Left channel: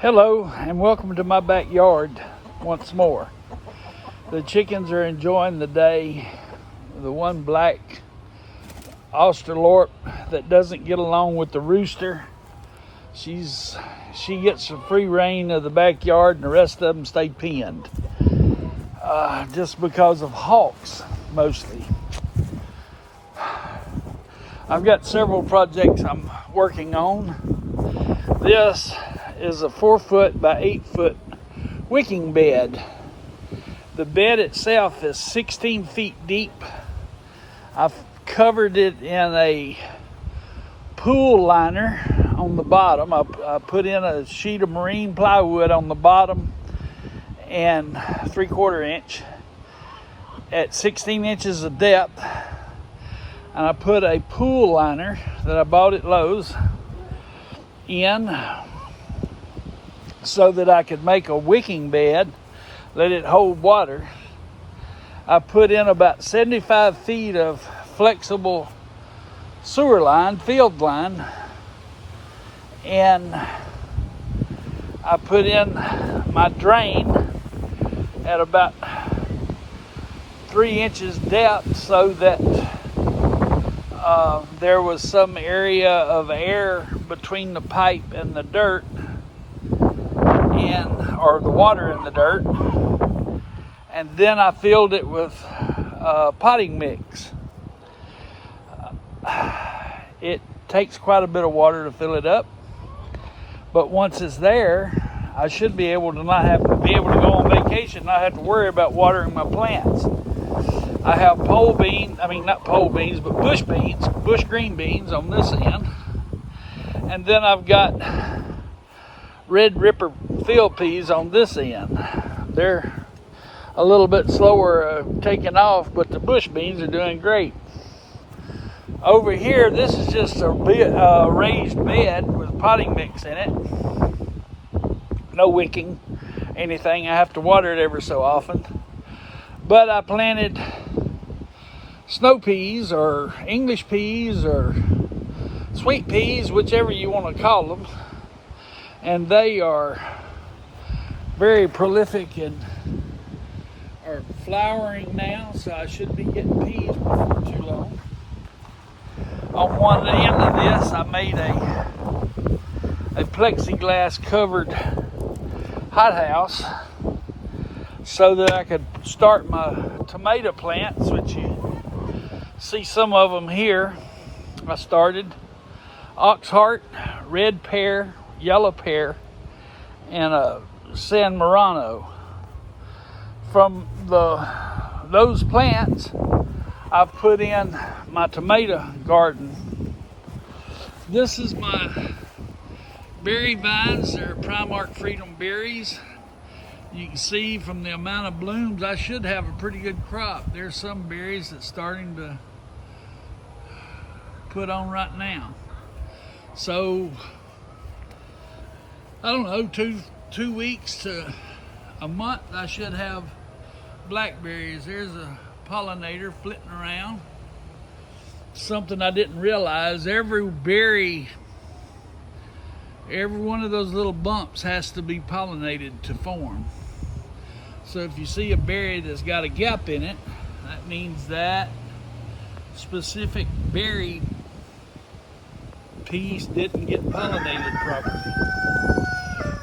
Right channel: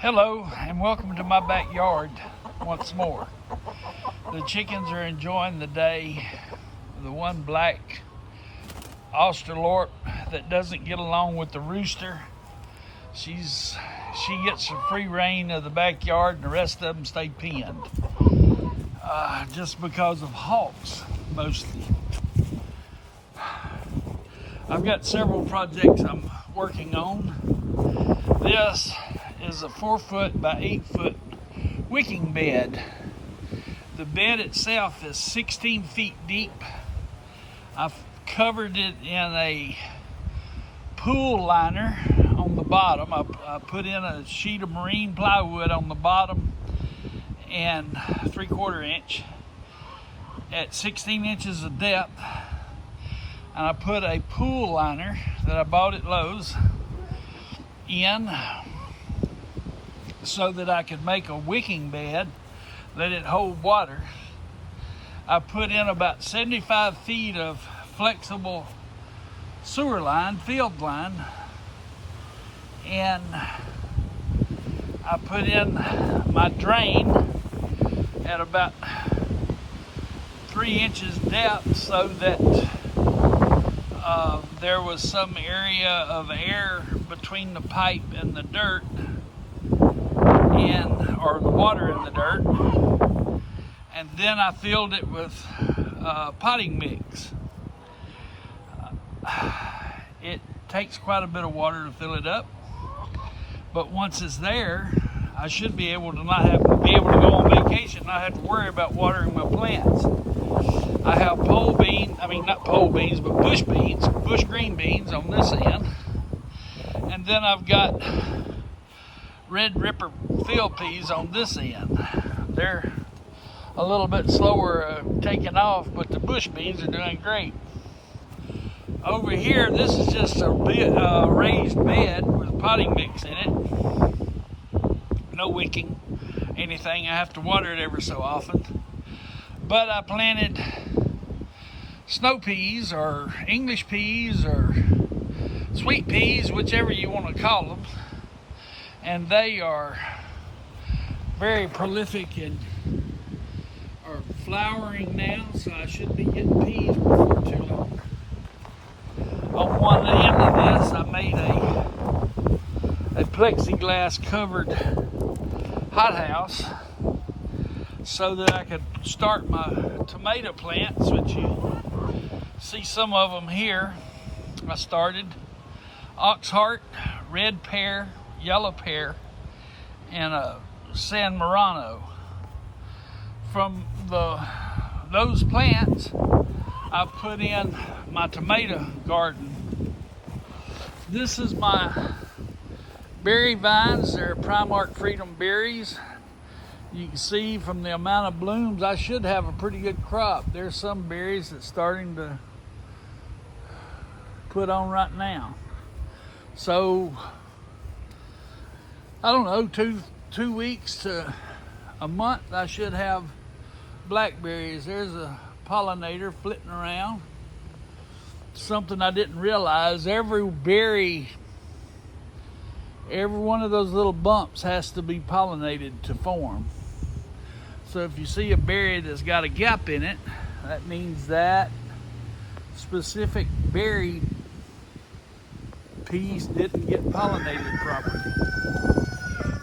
Hello and welcome to my backyard once more. The chickens are enjoying the day. The one black Australorp that doesn't get along with the rooster, she gets the free reign of the backyard, and the rest of them stay penned. Just because of hawks mostly. I've got several projects I'm working on. This is a 4 foot by 8 foot wicking bed. The bed itself is 16 feet deep. I've covered it in a pool liner on the bottom. I put in a sheet of marine plywood on the bottom and 3/4 inch at 16 inches of depth. And I put a pool liner that I bought at Lowe's in so that I could make a wicking bed, let it hold water. I put in about 75 feet of flexible sewer line, field line, and I put in my drain at about 3 inches depth so that there was some area of air between the pipe and the dirt, or the water in the dirt. And then I filled it with potting mix. It takes quite a bit of water to fill it up, but once it's there, I should be able to go on vacation, not have to worry about watering my plants. I have bush green beans on this end, and then I've got red ripper field peas on this end. They're a little bit slower taking off, but the bush beans are doing great. Over here, this is just a raised bed with potting mix in it. No wicking, anything. I have to water it every so often. But I planted snow peas or English peas or sweet peas, whichever you want to call them. And they are very prolific and are flowering now, so I should be getting peas before too long. On one end of this, I made a plexiglass covered hothouse so that I could start my tomato plants, which you see some of them here. I started oxheart, red pear, yellow pear, and a San Marano. From those plants, I've put in my tomato garden. This is my berry vines. They're Primark Freedom berries. You can see from the amount of blooms, I should have a pretty good crop. There's some berries that's starting to put on right now. So, I don't know, two weeks to a month, I should have blackberries. There's a pollinator flitting around. Something I didn't realize, every berry, every one of those little bumps has to be pollinated to form. So if you see a berry that's got a gap in it, that means that specific berry piece didn't get pollinated properly.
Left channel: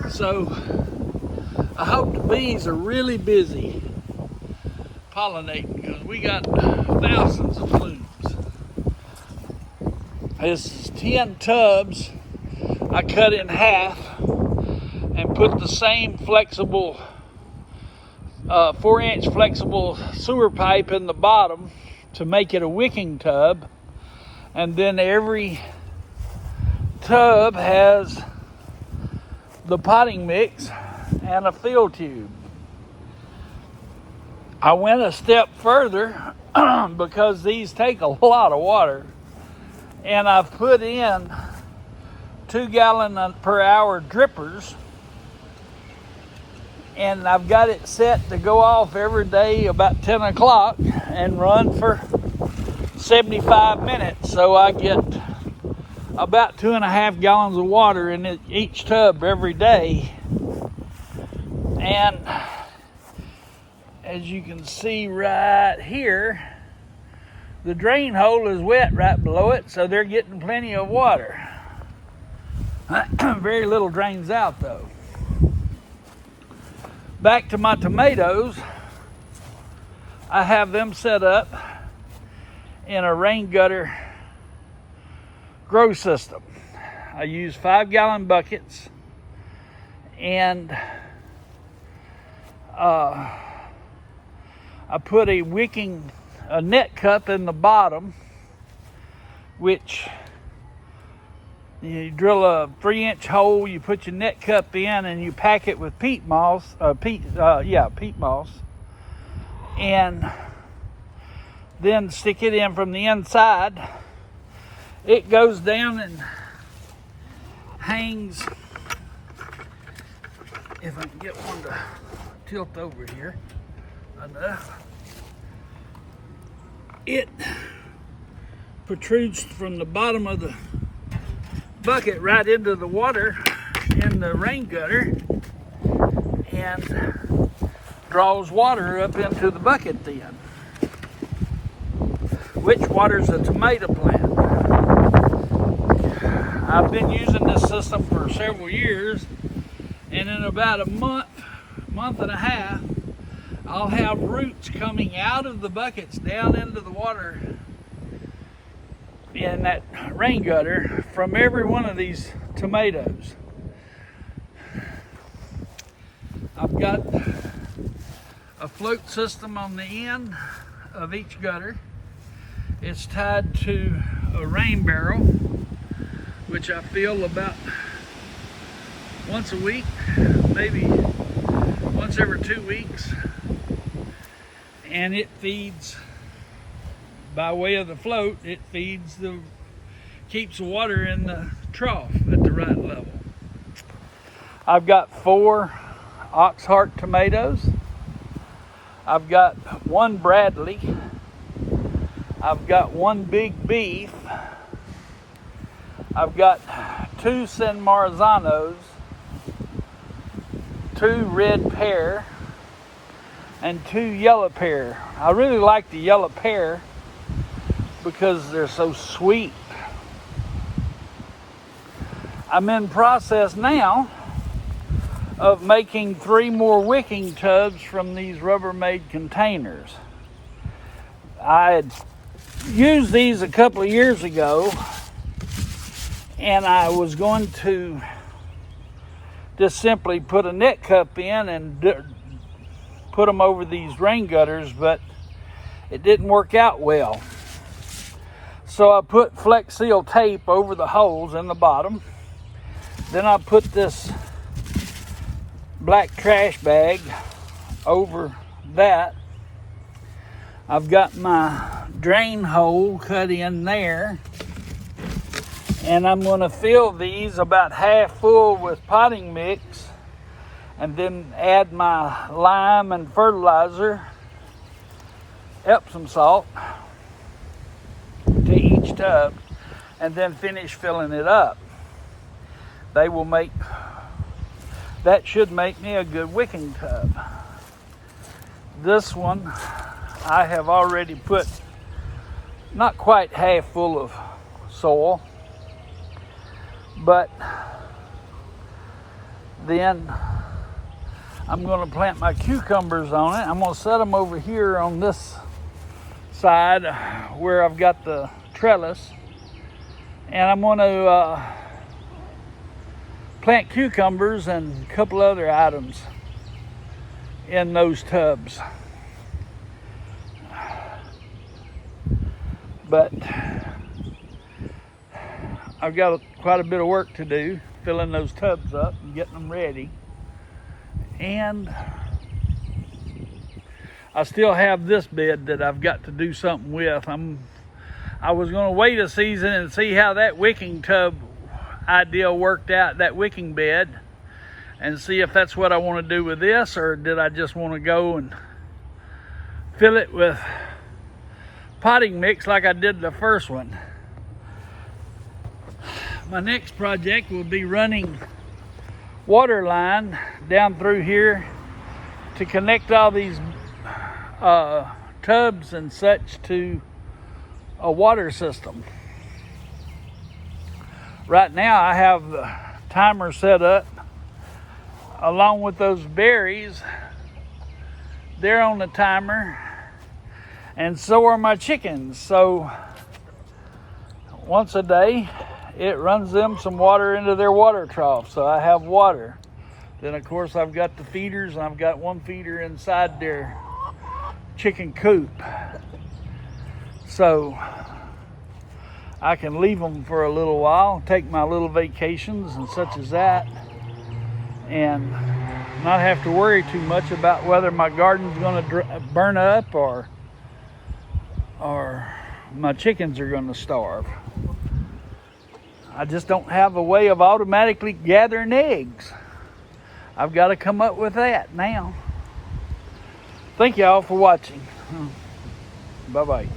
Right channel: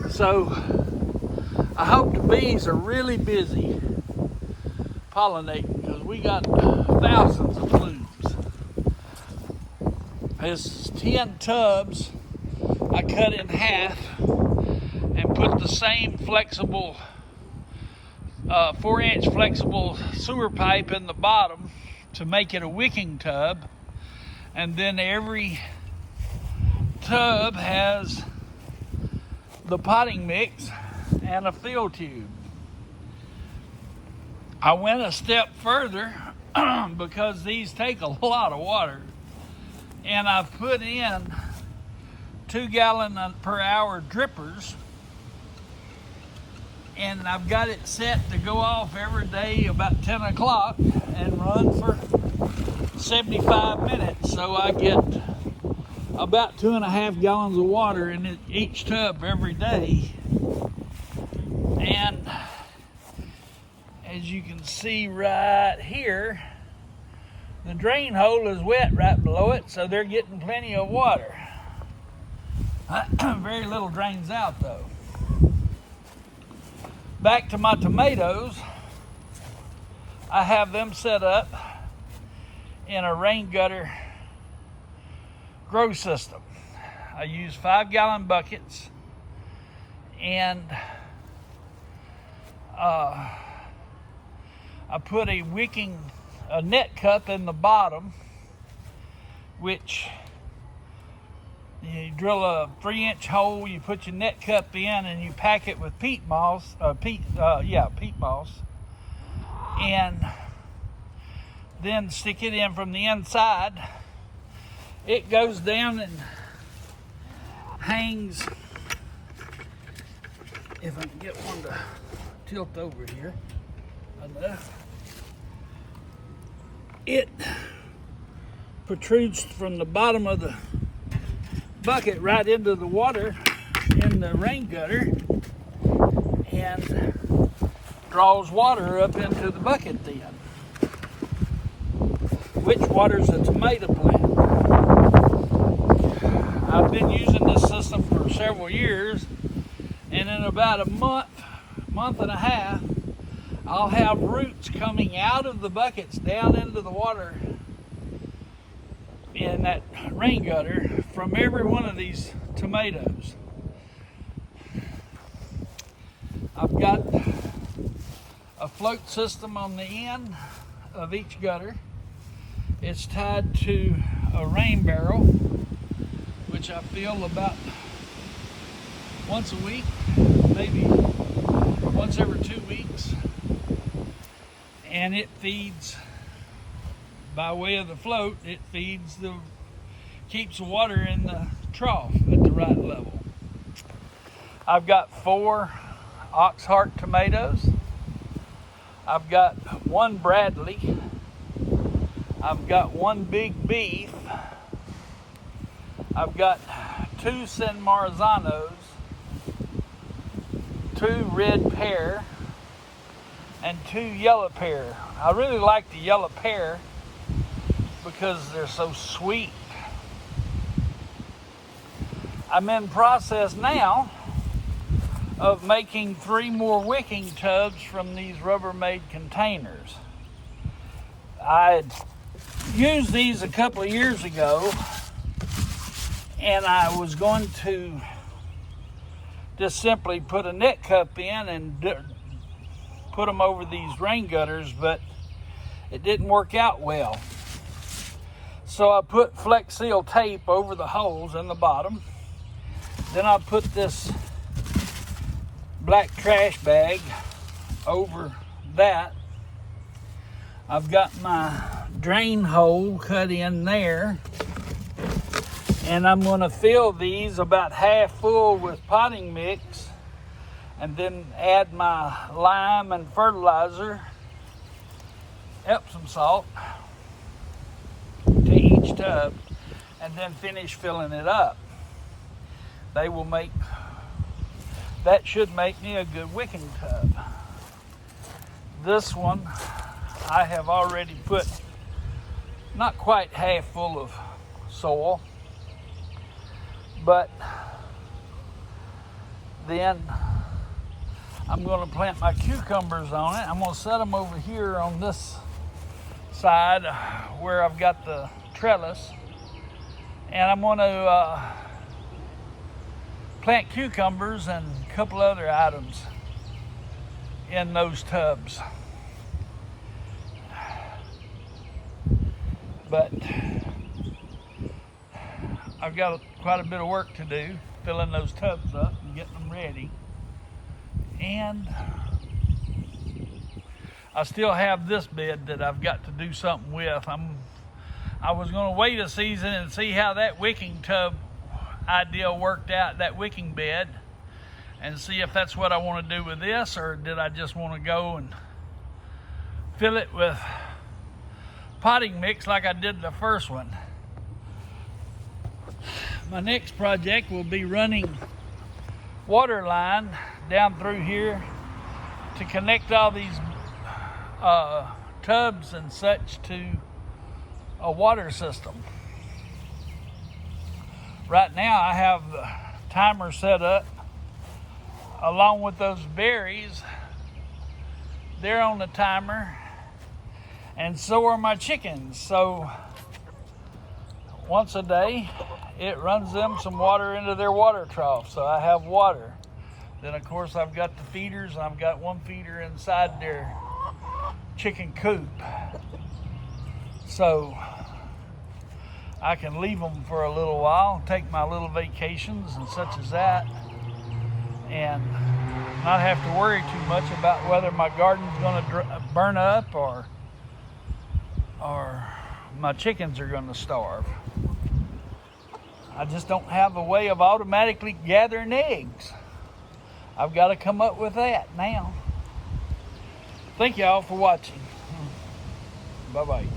So I hope the bees are really busy pollinating, because we got thousands of blooms. This 10 tubs I cut in half and put the same flexible 4-inch flexible sewer pipe in the bottom to make it a wicking tub, and then every tub has the potting mix and a fill tube. I went a step further because these take a lot of water, and I've put in 2 gallon per hour drippers, and I've got it set to go off every day about 10 o'clock and run for 75 minutes, so I get about 2.5 gallons of water in each tub every day. And as you can see right here, the drain hole is wet right below it, so they're getting plenty of water. Very little drains out though. Back to my tomatoes, I have them set up in a rain gutter grow system. I use 5-gallon buckets, and I put a net cup in the bottom, which you drill a 3-inch hole, you put your net cup in, and you pack it with peat moss, peat moss, and then stick it in from the inside. It goes down and hangs, if I can get one to tilt over here enough. It protrudes from the bottom of the bucket right into the water in the rain gutter and draws water up into the bucket then, which waters a tomato plant. I've been using this system for several years, and in about a month and a half, I'll have roots coming out of the buckets down into the water in that rain gutter from every one of these tomatoes. I've got a float system on the end of each gutter. It's tied to a rain barrel, which I fill about once a week, maybe once every 2 weeks. And it feeds, by way of the float, it keeps the water in the trough at the right level. I've got 4 Oxheart tomatoes. I've got 1 Bradley. I've got 1 Big Beef. I've got 2 San Marzanos, 2 Red Pear, and 2 Yellow Pear. I really like the Yellow Pear because they're so sweet. I'm in process now of making 3 more wicking tubs from these Rubbermaid containers. I had used these a couple of years ago, and I was going to just simply put a net cup in and put them over these rain gutters, but it didn't work out well. So I put Flex Seal tape over the holes in the bottom. Then I put this black trash bag over that. I've got my drain hole cut in there, and I'm going to fill these about half full with potting mix, and then add my lime and fertilizer, Epsom salt, to each tub, and then finish filling it up. That should make me a good wicking tub. This one I have already put not quite half full of soil, but then I'm going to plant my cucumbers on it. I'm going to set them over here on this side where I've got the trellis, and I'm going to plant cucumbers and a couple other items in those tubs. But I've got quite a bit of work to do, filling those tubs up and getting them ready. And I still have this bed that I've got to do something with. I was going to wait a season and see how that wicking tub idea worked out, that wicking bed, and see if that's what I want to do with this, or did I just want to go and fill it with potting mix like I did the first one. my next project will be running water line down through here to connect all these tubs and such to a water system. Right now I have the timer set up along with those berries. They're on the timer, and so are my chickens. So once a day it runs them some water into their water trough, so I have water. Then of course I've got the feeders, and I've got one feeder inside their chicken coop, so I can leave them for a little while, take my little vacations and such as that, and not have to worry too much about whether my garden's going to burn up or my chickens are going to starve. I just don't have a way of automatically gathering eggs. I've got to come up with that now. Thank y'all for watching. Bye-bye.